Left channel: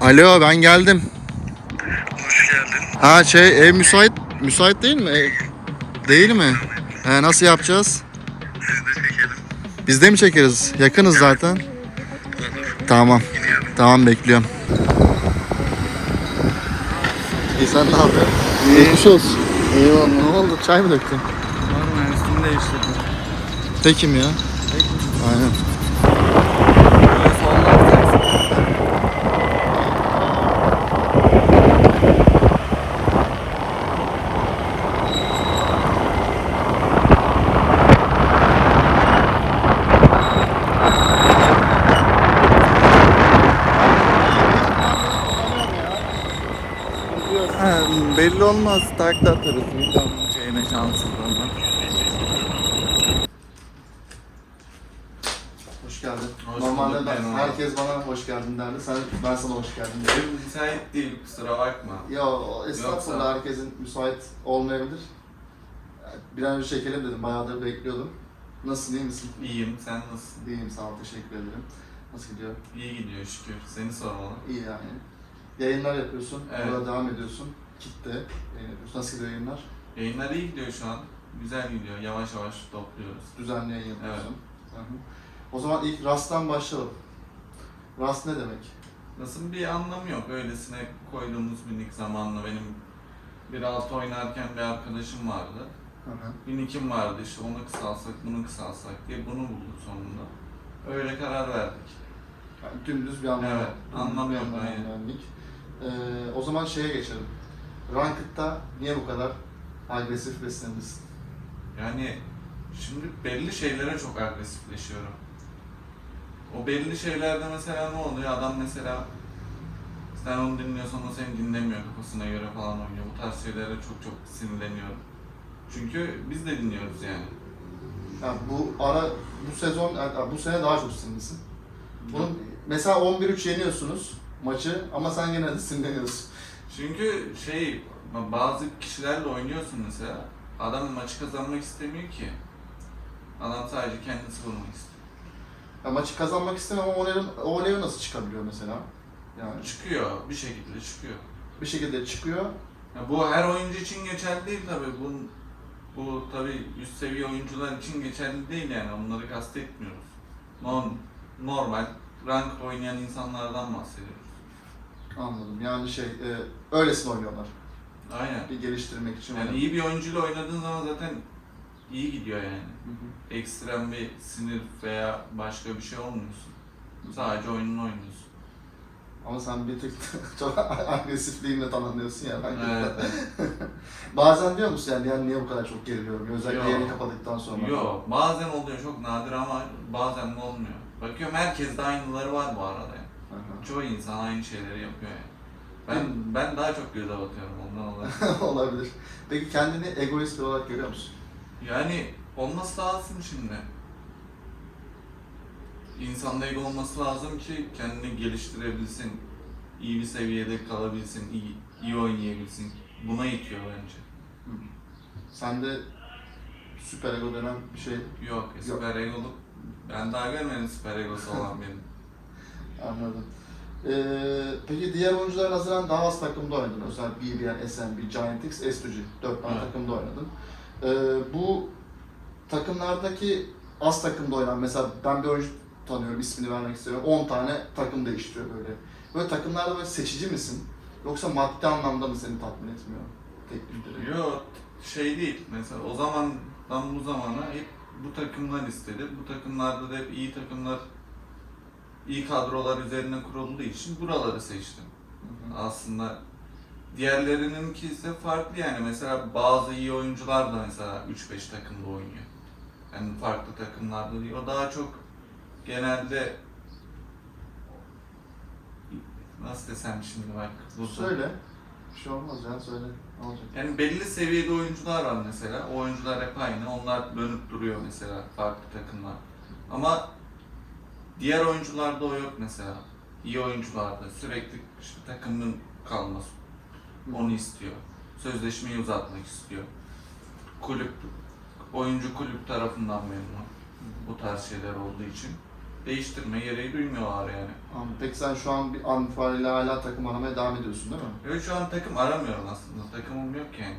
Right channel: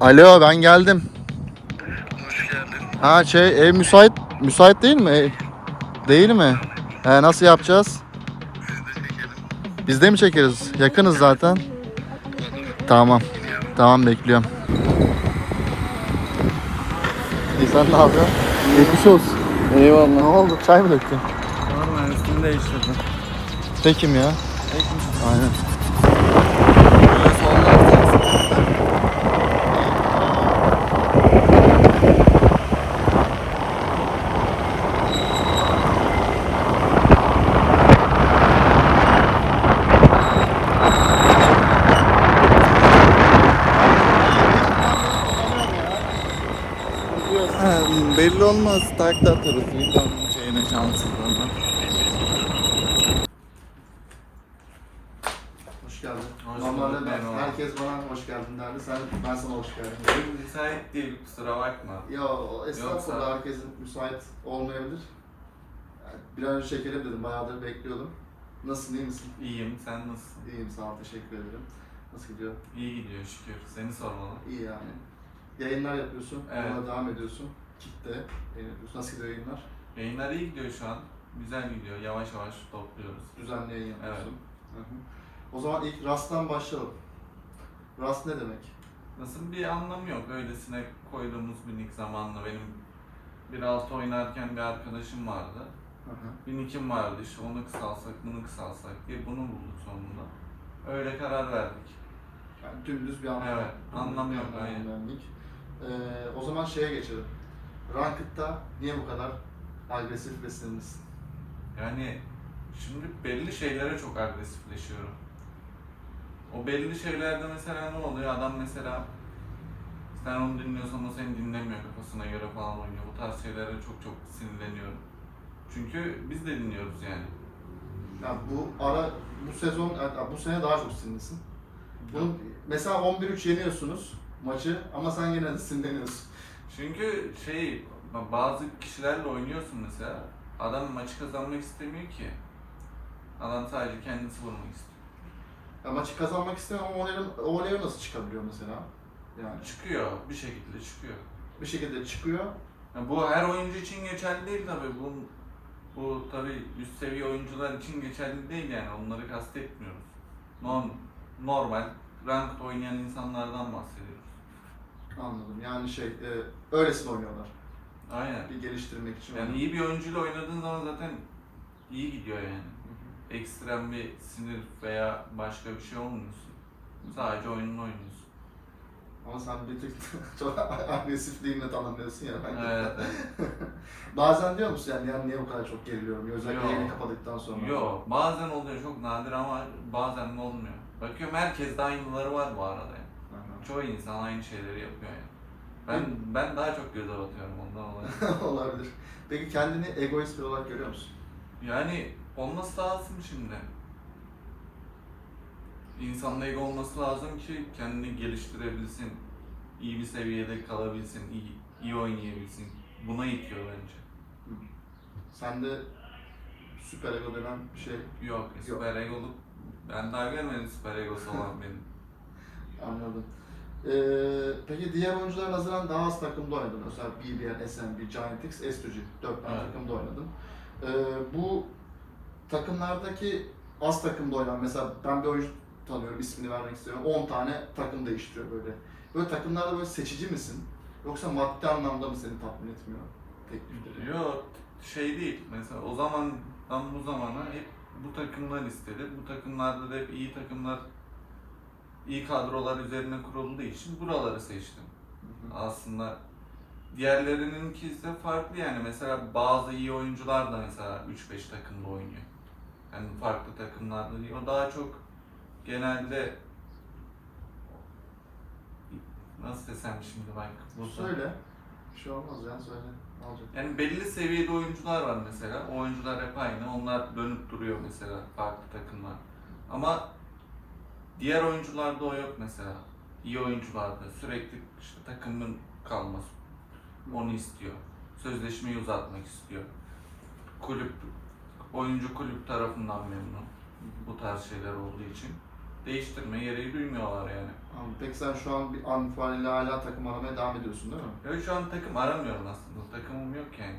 Alo. Alo ben geldim. Hoş geldin. Ha şey ev müsait müsait değil mi? Ev- Değil mi? He, nasıl yapacağız? Siz de çekelim. Biz de mi çekeriz? Yakınız zaten. Tamam. Tamam bekliyorum. İyi sen ne yapıyorsun? Geçmiş olsun. Eyvallah. Ne oldu? Çay mı döktün? Normal üstünü değiştirdim. Tekim ya. Aynen. Böyle sollar Ha, olmaz. Takla atarız. Videonun şeyine şanssızlığına. Hoş geldin. Hoş Normalde bulduk, ben, herkes bana hoş geldin derdi. Sen, ben sana hoş geldin dedim. Benim müsait değil kusura bakma. Ya estağfurullah Yoksa- herkesin müsait olmayabilir. Bir an önce çekelim dedim. Bayağıdır bekliyordum. Nasılsın iyi misin? İyiyim sen nasılsın? İyiyim sağ ol teşekkür ederim. Nasıl gidiyor? İyi gidiyor şükür. Seni sormalı. İyi yani. Yayınlar yapıyorsun. Evet. Ona devam ediyorsun. Kitle yapıyorsun. Nasıl gidiyor yayınlar? Yayınlar iyi gidiyor şu an. Güzel gidiyor. Yavaş yavaş topluyoruz. Düzenli yayın yapıyorsun. Hı hı. O zaman ilk Rast'tan başlayalım. Rast ne demek? Nasıl bir anlamı yok. Öylesine koyduğumuz bir nick zamanla benim bir altı oynarken bir arkadaşım vardı. Hı hı. Bir nick'im vardı işte onu kısalsak bunu kısalsak diye bunu bulduk sonunda. Öyle karar verdik. Yani dümdüz bir anlam. Evet, anlam yok. Ee, o zaman şeye geçelim. Ranked'da niye bu kadar agresif beslenirsin? Yani şimdi belli şeylere çok agresifleşiyorum. O belli şeylerde mesela ne oluyor? Adam mesela sen onu dinliyorsan o seni dinlemiyor kafasına göre falan oynuyor. Bu tarz şeylere çok çok sinirleniyorum. Çünkü biz de dinliyoruz yani. Yani bu ara bu sezon yani bu sene daha çok sinirlisin. Bunun mesela 11-3 yeniyorsunuz maçı ama sen gene de sinirleniyorsun. Çünkü şey bazı kişilerle oynuyorsun mesela. Adam maçı kazanmak istemiyor ki. Adam sadece kendisi vurmak istiyor. Yani maçı kazanmak istemem ama o level, o level nasıl çıkabiliyor mesela? Yani Çıkıyor, bir şekilde çıkıyor. bir şekilde çıkıyor. Ya bu her oyuncu için geçerli değil tabi. Bu, bu tabi üst seviye oyuncular için geçerli değil yani. Onları kastetmiyoruz. Non, normal, rank oynayan insanlardan bahsediyoruz. Anladım. Yani şey e, öylesine oynuyorlar. Aynen. Bir geliştirmek için. Yani oynuyorlar. iyi bir oyuncuyla oynadığın zaman zaten iyi gidiyor yani. Hı hı. Ekstrem bir sinir veya başka bir şey olmuyorsun. Sadece oyununu oynuyorsun. Ama sen bir tık çok agresifliğinle tanımlıyorsun ya. Ben Evet. Bazen diyor musun yani, yani niye bu kadar çok geriliyorum? Özellikle yayını kapadıktan sonra. Yo, bazen oluyor çok nadir ama bazen de olmuyor. Bakıyorum herkeste aynıları var bu arada. Çoğu insan aynı şeyleri yapıyor yani. Ben ben daha çok göze batıyorum ondan dolayı. Olabilir. Peki kendini egoist olarak görüyor musun? Yani olması lazım şimdi. İnsanda ego olması lazım ki kendini geliştirebilsin. iyi bir seviyede kalabilsin, iyi, iyi oynayabilsin. Buna itiyor bence. Sende süper ego denen bir şey Yok, süper egoluk. Ben daha görmedim süper egosu olan benim. anladım. Ee, peki diğer oyunculara nazaran daha az takımda oynadın. Özel BBN, SMB, Giant X, S2G. Dört tane Evet. takımda oynadın. Ee, bu takımlardaki az takımda oynayan, mesela ben bir oyuncu tanıyorum, ismini vermek istiyorum. 10 tane takım değiştiriyor böyle. Böyle takımlarda böyle seçici misin? Yoksa maddi anlamda mı seni tatmin etmiyor teklifleri? Yok, şey değil. Mesela o zamandan bu zamana hep bu takımlar istedi. Bu takımlarda da hep iyi takımlar, iyi kadrolar üzerine kurulduğu için buraları seçtim. Aslında diğerlerininki ise farklı yani. Mesela bazı iyi oyuncular da mesela 3-5 takımda oynuyor. Yani farklı takımlarda değil. O daha çok genelde nasıl desem şimdi bak burada. Söyle. Bir şey olmaz ya söyle. Ne olacak? Yani belli seviyede oyuncular var mesela. O oyuncular hep aynı. Onlar dönüp duruyor mesela farklı takımlar. Ama diğer oyuncularda o yok mesela. İyi oyuncularda sürekli işte takımın kalması. Onu istiyor. Sözleşmeyi uzatmak istiyor. Kulüp oyuncu kulüp tarafından memnun. Bu tarz şeyler olduğu için. değiştirme gereği duymuyorlar yani. Anladım. Peki sen şu an bir an itibariyle hala takım aramaya devam ediyorsun değil mi? Evet şu an takım aramıyorum aslında. Takımım yok yani.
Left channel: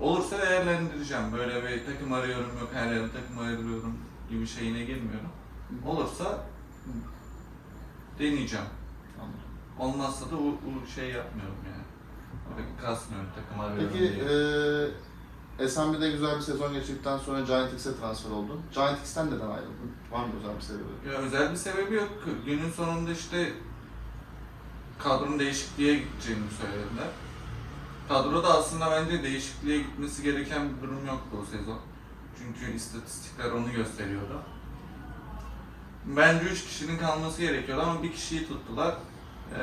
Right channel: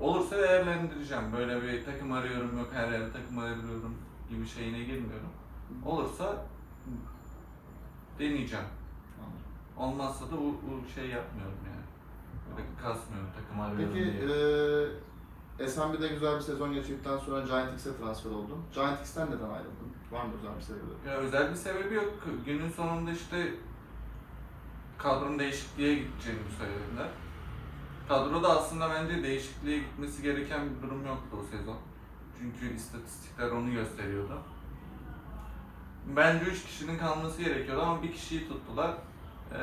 Olursa değerlendireceğim. Böyle bir takım arıyorum yok her yerde takım arıyorum gibi şeyine girmiyorum. Olursa deneyeceğim. Olmazsa da bu, bu şey yapmıyorum yani. Böyle kasmıyorum takım arıyorum Peki diye. eee SMB'de güzel bir sezon geçirdikten sonra Giant X'e transfer oldun. Giant X'ten neden ayrıldın? Var mı özel bir sebebi? Ya özel bir sebebi yok. Günün sonunda işte kadronun değişikliğe gideceğini söylediler. Kadroda aslında bence değişikliğe gitmesi gereken bir durum yoktu o sezon. Çünkü istatistikler onu gösteriyordu. Bence 3 kişinin kalması gerekiyordu ama bir kişiyi tuttular. Ee,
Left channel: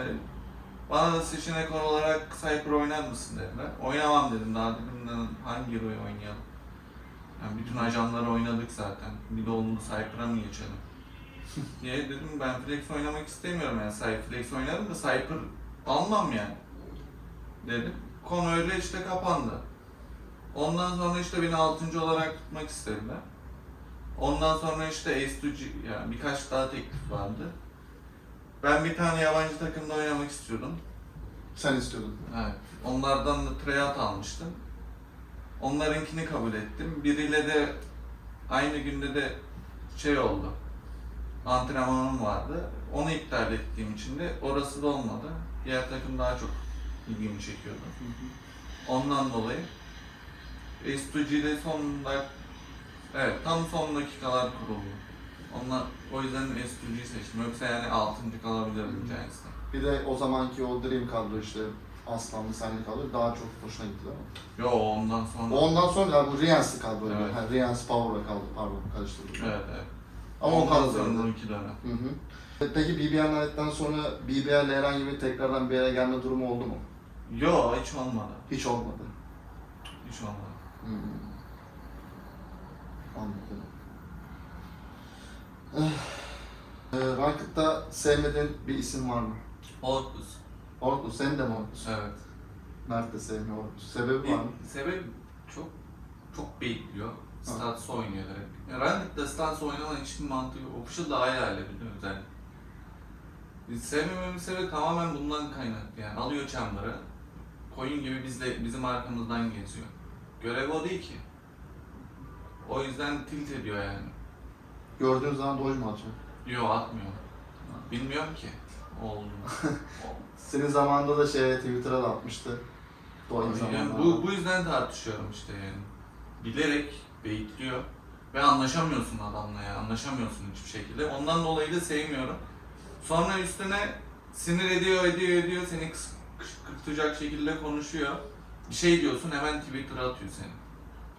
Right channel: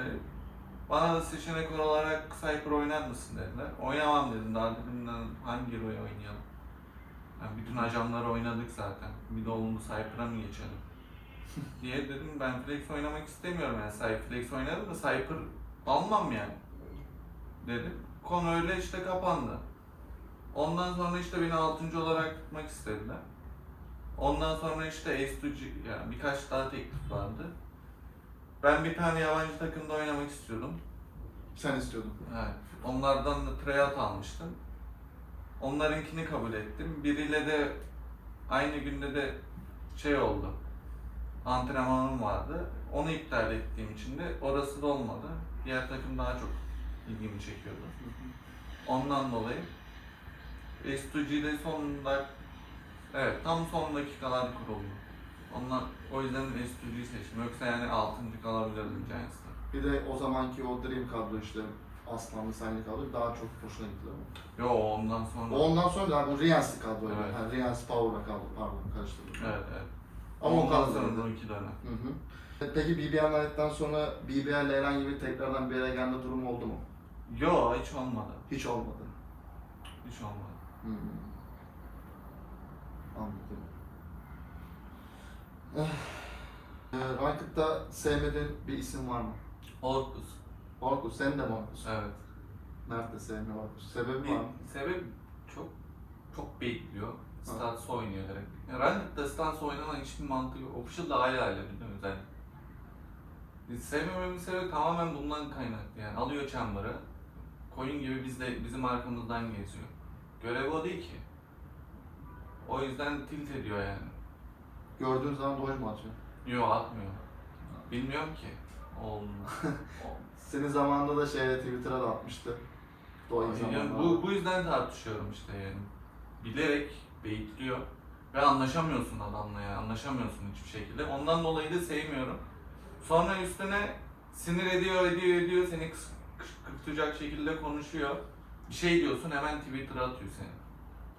bana da seçenek olarak Cypher oynar mısın dediler. Oynamam dedim. Daha dedim "Lan hangi hero'yu oynayalım? Yani bütün ajanları oynadık zaten. Bir de olumlu Cypher'a mı geçelim? diye dedim ben Flex oynamak istemiyorum yani Cypher Flex oynarım da Cypher almam yani dedim. Konu öyle işte kapandı. Ondan sonra işte beni 6. olarak tutmak istediler. Ondan sonra işte Ace2G yani birkaç daha teklif vardı. Ben bir tane yabancı takımda oynamak istiyordum. Sen istiyordun. Evet. Onlardan da tryout almıştım. Onlarınkini kabul ettim. Biriyle de aynı günde de şey oldu. Antrenmanım vardı. Onu iptal ettiğim için de orası da olmadı. Diğer takım daha çok ilgimi çekiyordu. Ondan dolayı S2G'de son dak Evet, tam son dakikalar kuruldu. Onlar, o yüzden S2G'yi seçtim. Yoksa yani 6. kalabilirdim Giants'ta. Bir de o zamanki o Dream kadro işte Aslanlı senli kadro daha çok hoşuna gitti mi? Yo ondan sonra. Ondan sonra galiba Riyans'lı kadro. Evet. Yani Riyans Power'a kaldı pardon karıştırdım. Evet evet. Ama o ondan kadro. sonra iki dönem. Hı hı. Peki BBL ayrıldıktan sonra BBL'le herhangi bir tekrardan bir yere gelme durumu oldu mu? Yo hiç olmadı. Hiç olmadı. Hiç olmadı. Hı hı. Anladım. Eh, e, Ranked'da sevmediğin bir isim var mı? Orkus. Orkus, senin de mi Orkus? Evet. Mert de sevmiyor Orkus. Sebebi var mı? Sebep çok çok bekliyor. Stats oynuyor direkt. Yani Ranked'da Stats oynaman hiçbir mantığı yok. Official'da ayrı halledildi özellikle. Biz sevmememin sebebi tamamen bundan kaynaklı yani. Alıyor chamber'ı. Koyun gibi bizle, bizim arkamızdan geziyor. Görevi o değil ki. O yüzden tilt ediyor yani. Gördüğün zaman doj mu atıyor? Yo atmıyor. Bilmiyorum ki. Oğlum. Senin zamanında da şey Twitter'a da atmıştı. Doj Yani zamanında. bu, bu yüzden tartışıyorum işte yani. Bilerek beyitliyor ve anlaşamıyorsun adamla ya. Anlaşamıyorsun hiçbir şekilde. Ondan dolayı da sevmiyorum. Sonra üstüne sinir ediyor, ediyor, ediyor. Seni kıs- kışkırtacak şekilde konuşuyor. Bir şey diyorsun hemen Twitter'a atıyor seni.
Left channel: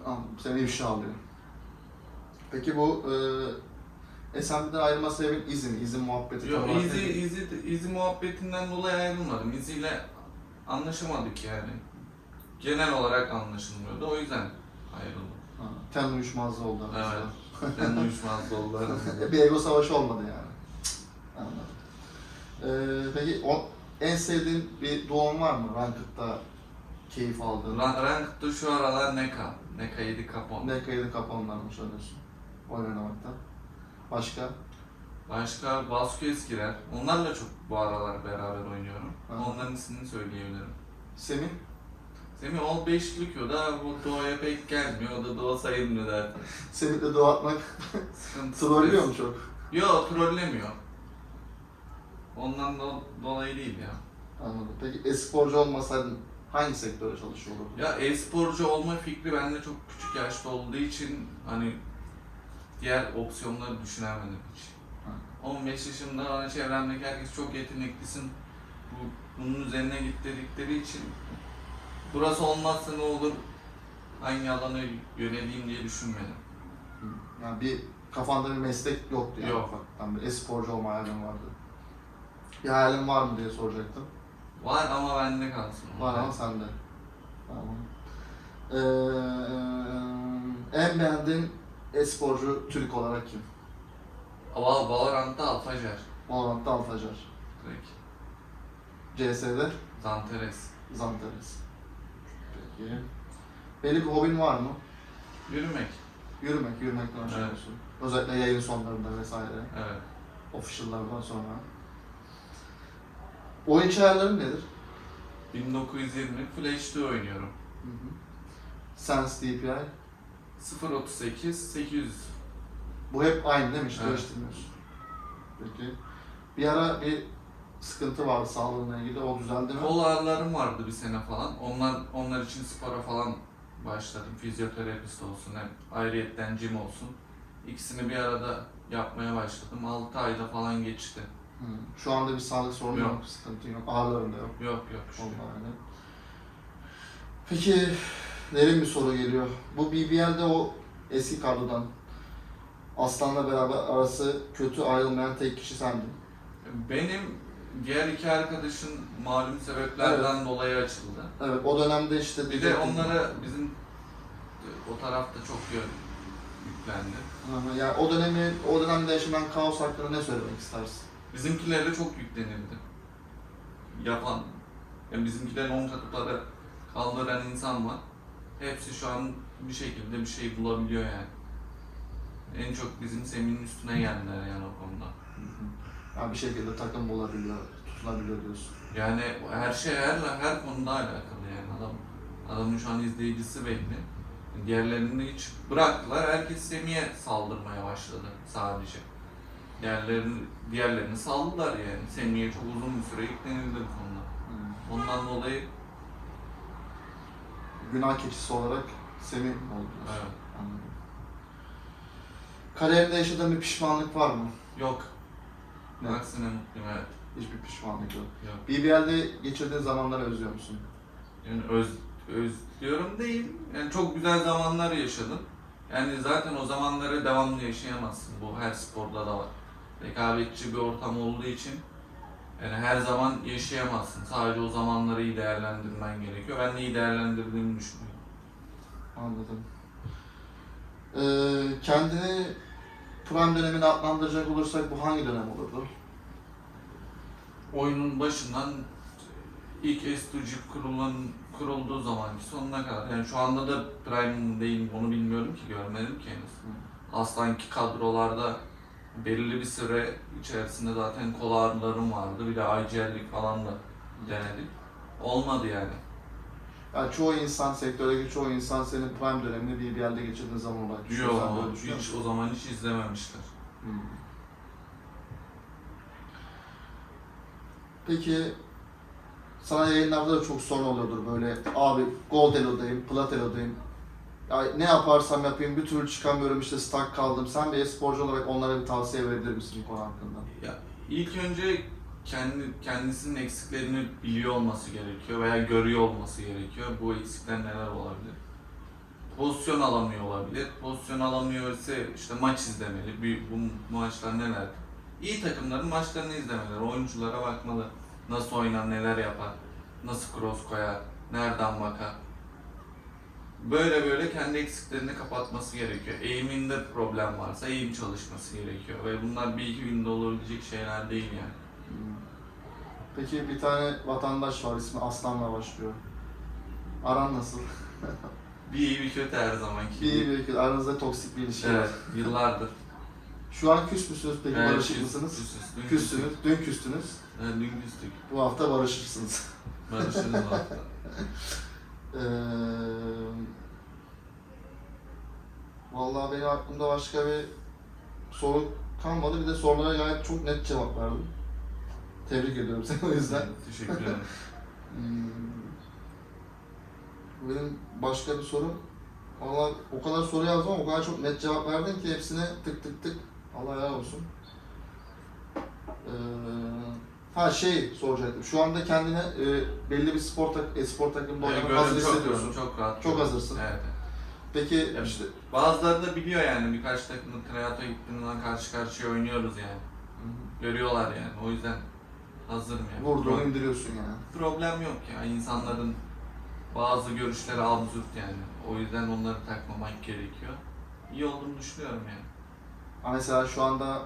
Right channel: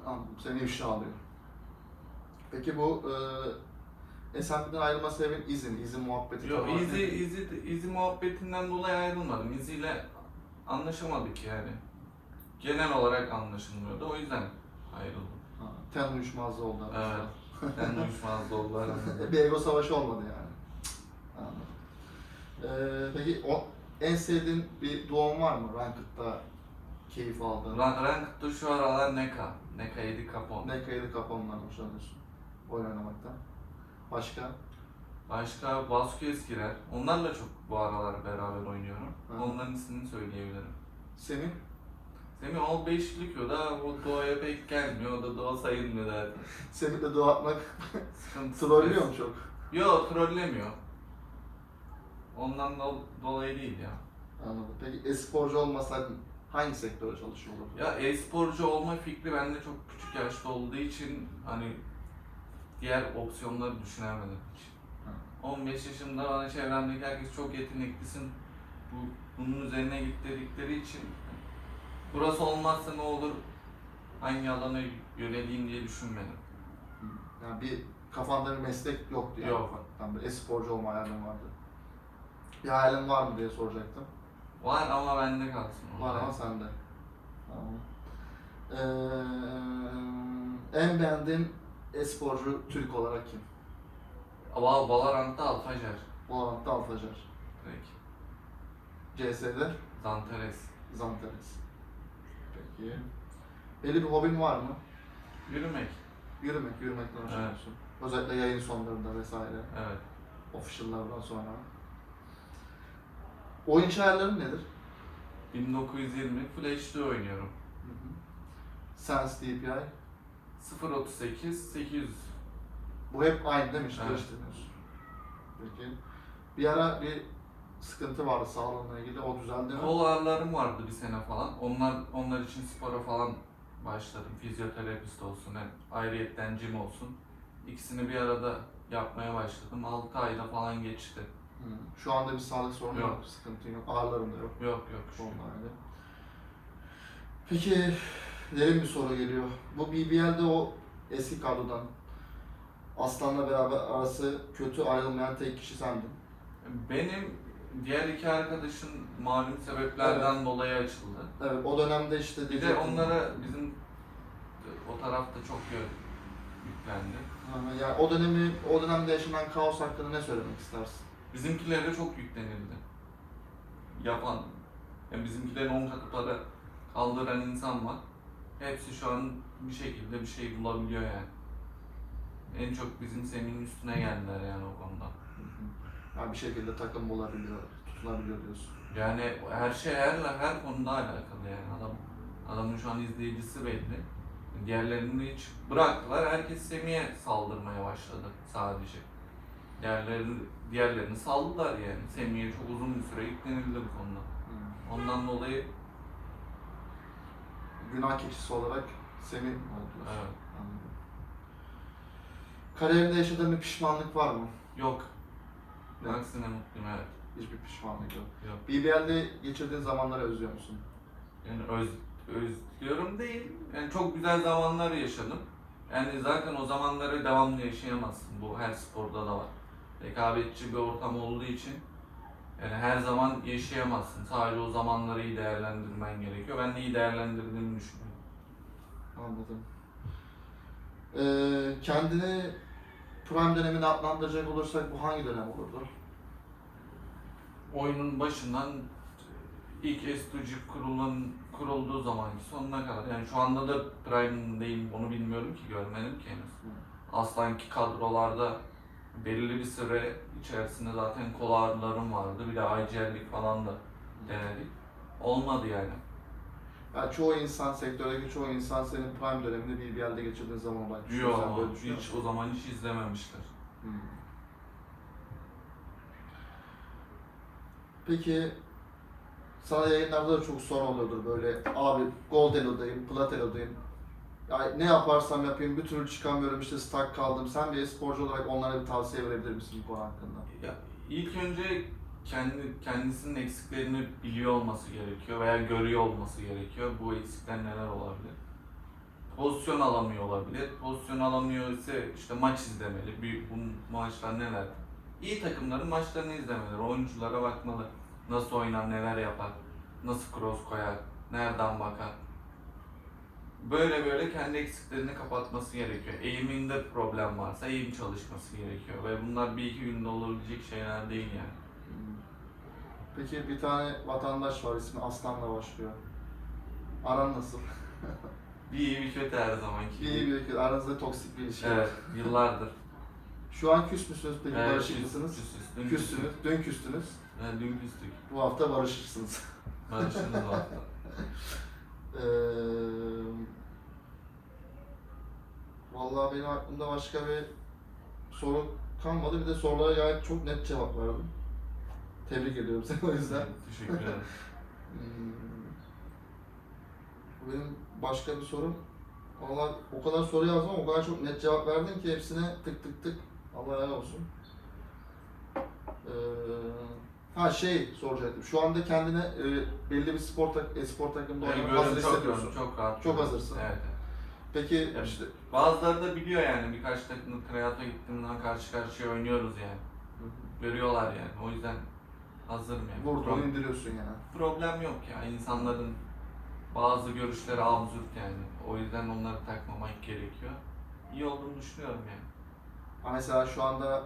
Anladım, seni ifşa alıyor. Peki bu e, SMB'den ayrılma sebebin izin, izin muhabbeti Yok olarak Easy, nedir? Easy, Easy muhabbetinden dolayı ayrılmadım. İle anlaşamadık yani. Genel olarak anlaşılmıyordu. O yüzden ayrıldım. Ha, ten uyuşmazlığı oldu. Evet. Ben uyuşmazdı oldu aramızda. bir ego savaşı olmadı yani. Anladım. Ee, peki o, en sevdiğin bir doğum var mı? Ranked'da keyif aldığın. Rank, Ranked'da şu aralar Neka. Neka 7 kapon. Ne kaydı kapalından hoşlanıyorsun? Oyun oynamaktan. Başka? Başka Vasquez girer. Onlarla çok bu aralar beraber oynuyorum. Aha. Onların ismini söyleyebilirim. Semih? Semih o beşlik o da bu doğaya pek gelmiyor. O da doğa sayılmıyor zaten. Semih'le doğu atmak Sıkıntı. trollüyor mu çok? Yo trollemiyor. Ondan do- dolayı değil ya. Anladım. Peki e-sporcu olmasaydın hangi sektöre çalışıyor olurdun? Ya e-sporcu olma fikri bende çok küçük yaşta olduğu için hani diğer opsiyonları düşünemedim hiç. Ha. 15 yaşında bana çevremdeki herkes çok yeteneklisin. Bu, bunun üzerine git dedikleri için burası olmazsa ne olur hangi alana yöneleyim diye düşünmedim. Hı. Yani bir kafanda bir meslek yoktu yani. Yok. Ufaktan bir e-sporcu olma hayalin vardı. Bir hayalin var mı diye soracaktım. Var ama bende kalsın. Var ama sende. Tamam. Ee, en beğendiğin e-sporcu Türk olarak kim? Val Valorant'ta Alfajer. Valorant'ta Alfajar. Direkt. CS'de Zanteres. Zantares. Peki. Belli bir hobin var mı? Yürümek. Yürümek, yürümekten hoşlanıyorsun. Özellikle yayın sonlarında vesaire. Evet. Official'lardan sonra. Oyun ayarların nedir? 1920 Full HD oynuyorum. Hı hı. Sense DPI. 038 800. Bu hep aynı değil mi? Hiç Evet. değiştirmiyorsun. Peki. Bir ara bir sıkıntı vardı sağlığına ilgili. O düzeldi mi? Kol ağrılarım vardı bir sene falan. Onlar onlar için spora falan başladım. Fizyoterapist olsun hem ayrıyetten gym olsun. İkisini bir arada yapmaya başladım. 6 ayda falan geçti. Hı. Şu anda bir sağlık sorunu yok. Yok. Sıkıntı yok. Ağrıların da yok. Yok yok. şu- Olma öyle. Peki derin bir soru geliyor. Bu BBL'de o eski kadrodan Aslan'la beraber arası kötü ayrılmayan tek kişi sendin. Benim diğer iki arkadaşın malum sebeplerden dolayı açıldı. Evet o dönemde işte Bir de diyecektim. onlara bizim o tarafta çok yön yüklendi. Hı. Yani o dönemi, o dönemde yaşanan kaos hakkında ne söylemek istersin? Bizimkilere çok yüklenildi. Yapan, yani bizimkilerin 10 katı para kaldıran insan var. Hepsi şu an bir şekilde bir şey bulabiliyor yani. En çok bizim Semih'in üstüne geldiler yani o konuda. Yani bir şekilde takım bulabiliyor, tutulabiliyor diyorsun. Yani her şey her her konuda alakalı yani adam adamın şu an izleyicisi belli. Diğerlerini hiç bıraktılar. Herkes Semih'e saldırmaya başladı sadece. Diğerlerini, diğerlerini saldılar yani. Semih'e çok uzun bir süre yüklenildi bu konuda. Ondan dolayı Günah keçisi olarak Semih mi oldu diyorsun? evet, Anladım. Kariyerinde yaşadığın bir pişmanlık var mı? yok. Ne? Aksine mutluyum evet. Hiçbir pişmanlık yok. Yok. BBL'de geçirdiğin zamanları özlüyor musun? Yani öz, özlüyorum değil. Yani çok güzel zamanlar yaşadım. Yani zaten o zamanları devamlı yaşayamazsın. Bu her sporda da var. Rekabetçi bir ortam olduğu için yani her zaman yaşayamazsın. Sadece o zamanları iyi değerlendirmen gerekiyor. Ben de iyi değerlendirdiğimi düşünüyorum. Anladım. Ee, kendini prime dönemine adlandıracak olursak bu hangi dönem olurdu? Oyunun başından ilk S2G kurulan, kurulduğu zamanki sonuna kadar. Yani şu anda da Prime'deyim onu bilmiyorum ki görmedim ki henüz. Aslanki kadrolarda belirli bir süre içerisinde zaten kol ağrılarım vardı. Bir de IGL'lik falan da denedik. Olmadı yani. Yani çoğu insan, sektördeki çoğu insan senin prime dönemini BBL'de geçirdiğin zaman olarak düşünüyor. Yok, hiç o zaman hiç izlememişler. Hmm. Peki sana yayınlarda da çok sorun oluyordur böyle abi gold elo'dayım, plat elo'dayım. Ya ne yaparsam yapayım bir türlü çıkamıyorum işte stuck kaldım. Sen bir e-sporcu olarak onlara bir tavsiye verebilir misin bu konu hakkında? Ya ilk önce kendi kendisinin eksiklerini biliyor olması gerekiyor veya görüyor olması gerekiyor. Bu eksikler neler olabilir? Pozisyon alamıyor olabilir. Pozisyon alamıyor ise işte maç izlemeli. Bir, bu maçlar neler? İyi takımların maçlarını izlemeleri, oyunculara bakmalı. Nasıl oynar, neler yapar, nasıl cross koyar, nereden bakar. Böyle böyle kendi eksiklerini kapatması gerekiyor. Eğiminde problem varsa eğim çalışması gerekiyor. Ve bunlar bir iki günde olabilecek şeyler değil yani. Hmm. Peki bir tane vatandaş var ismi Aslan'la başlıyor. Aran nasıl? Bir iyi bir kötü her zamanki. İyi bir ülke. Aranızda toksik bir ilişki var. Evet, yıllardır. Şu an küs müsünüz peki? Evet, barışık küs- mısınız? küsüz. Dün Küstünüz. Dün küstünüz. Evet, dün küstük. Bu hafta barışırsınız. Barışırız o hafta. Ee, vallahi benim aklımda başka bir soru kalmadı. Bir de sorulara gayet çok net cevap verdin. Tebrik ediyorum seni o yüzden. Teşekkür ederim. Hmm, Benim başka bir sorum. Valla o kadar soru yazdım ama o kadar çok net cevap verdin ki hepsine tık tık tık. Allah helal olsun. Ha şey soracaktım. Şu anda kendine e, belli bir spor, tak e, spor takımında Evet, oynamaya hazır görün çok, hissediyorsun. çok rahat. Çok hazırsın. Evet. Peki Ya işte Bazıları da biliyor yani birkaç takımda Kreato gittiğinden karşı karşıya oynuyoruz yani. Görüyorlar yani. O yüzden hazırım yani. vurduğunu Pro- indiriyorsun yani. problem yok ya. İnsanların bazı görüşleri absürt yani. O yüzden onları takmamak gerekiyor. İyi olduğunu düşünüyorum yani. Ama mesela şu anda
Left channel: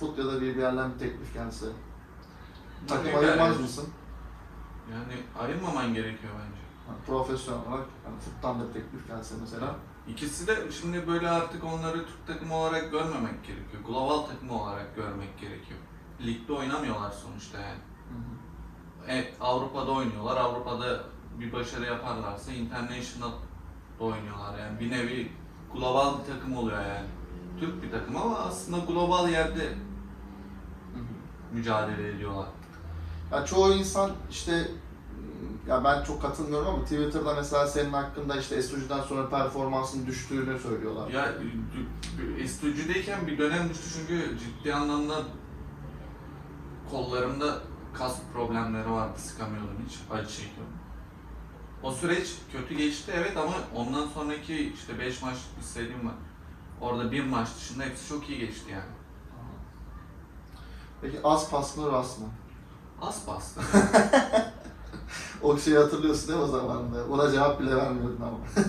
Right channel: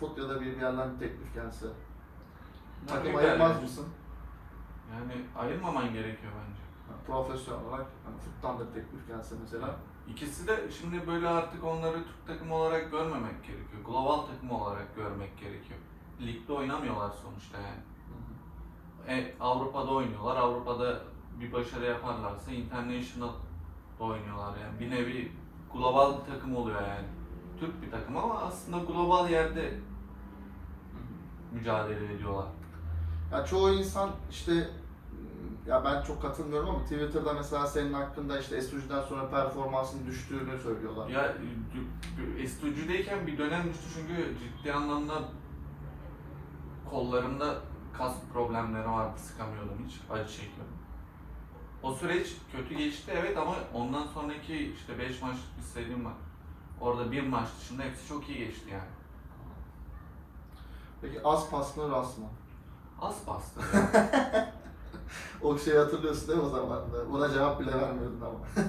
fut ya da bir yerden bir teklif gelse takım ayırmaz yani. mısın? Yani ayırmaman gerekiyor bence. Yani profesyonel olarak hani futtan da teklif gelse mesela İkisi de şimdi böyle artık onları Türk takımı olarak görmemek gerekiyor. Global takımı olarak görmek gerekiyor. Ligde oynamıyorlar sonuçta yani. Evet, Avrupa'da oynuyorlar. Avrupa'da bir başarı yaparlarsa international oynuyorlar yani. Bir nevi global bir takım oluyor yani. Türk bir takım ama aslında global yerde mücadele ediyorlar. Ya çoğu insan işte ya ben çok katılmıyorum ama Twitter'da mesela senin hakkında işte Estuji'den sonra performansın düştüğünü söylüyorlar. Ya Estucu'dayken bir dönem düştü çünkü ciddi anlamda kollarımda kas problemleri vardı. Sıkamıyordum hiç. Acı çekiyordum. O süreç kötü geçti evet ama ondan sonraki işte 5 maçlık bir serim var. Orada bir maç dışında hepsi çok iyi geçti yani. Peki az pas mı ras mı? Az bastı. O şeyi hatırlıyorsun değil mi o zaman da? Ona cevap bile vermiyordun ama.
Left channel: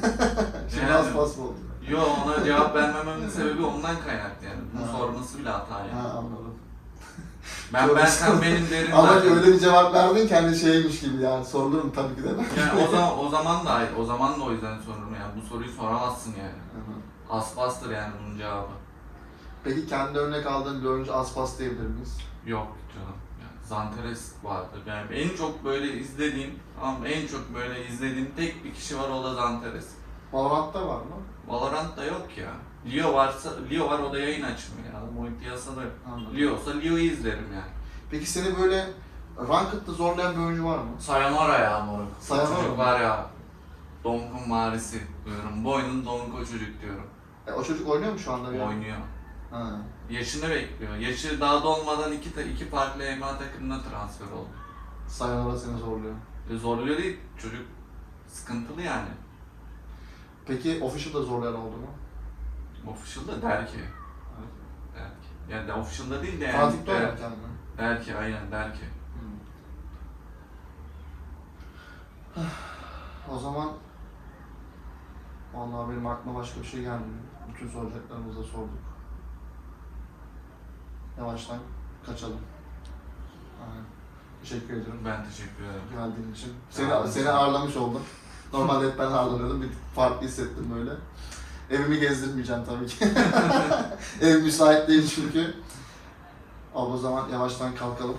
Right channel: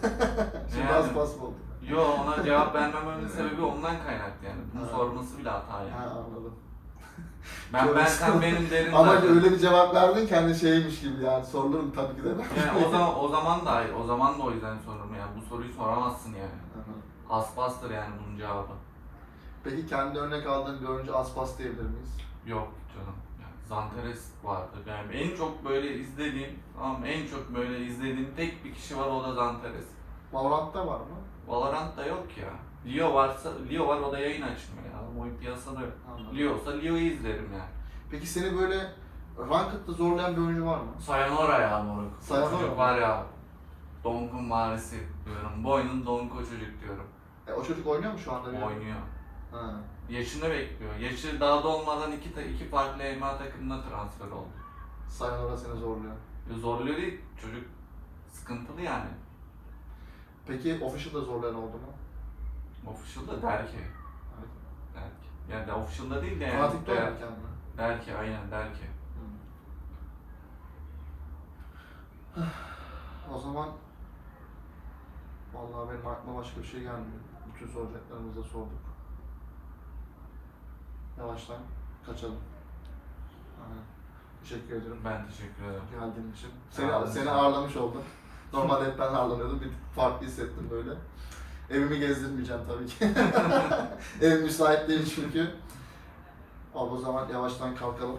Şimdi Yani- az pas mı oldu? Yo ona cevap vermememin sebebi ondan kaynaklı yani. Bunu Ha. sorması bile hata yani. Ha anladım. Ben ben sen benim derim Ama zaten. öyle bir cevap verdin kendi şeymiş gibi yani sorulur mu tabii ki de. Yani o zaman o zaman da hayır. O zaman da o yüzden sorurum yani. Bu soruyu soramazsın yani. Aha. Aspastır yani bunun cevabı. Peki kendi örnek aldığın bir oyuncu az pas diyebilir miyiz? Yok canım. Yani Zanteres vardı. Yani en çok böyle izlediğim, tamam en çok böyle izlediğim tek bir kişi var o da Zanteres. Valorant'ta var mı? Valorant da yok ya. Leo varsa, Leo var o da yayın açmıyor ya. Adam oyun piyasada yok. Anladım. Leo olsa Leo'yu izlerim yani. Peki seni böyle ranked'da zorlayan bir oyuncu var mı? Sayonara ya moruk. Sayonara çocuk var ya. Donk'un varisi diyorum. Bu oyunun Donk'u çocuk diyorum. E, o çocuk oynuyor mu şu anda? bir Oynuyor. Ha. Yaşını bekliyor. Yaşı daha dolmadan iki, ta- iki farklı EMA takımına transfer oldu. Sayonara seni zorluyor. E, Zorluyor değil. Çocuk sıkıntılı yani. Peki official'da zorlayan oldu mu? Official'da der ki. Evet. Der ki. Yani de official'da değil de yani. Fanatik'te der, oynarken mi? der ki aynen der ki. O zaman vallahi benim aklıma başka bir şey gelmiyor. Bütün soracaklarımızı da sorduk. Yavaştan kaçalım. Aynen. Teşekkür ederim Ben teşekkür ederim. geldiğin için. Sağ Seni, olun. seni ağırlamış oldum. Normalde hep ben ağırlanıyordum. Bir farklı hissettim böyle. Evimi gezdirmeyeceğim tabii ki. Ev müsait değil çünkü. Abi o zaman yavaştan kalkalım.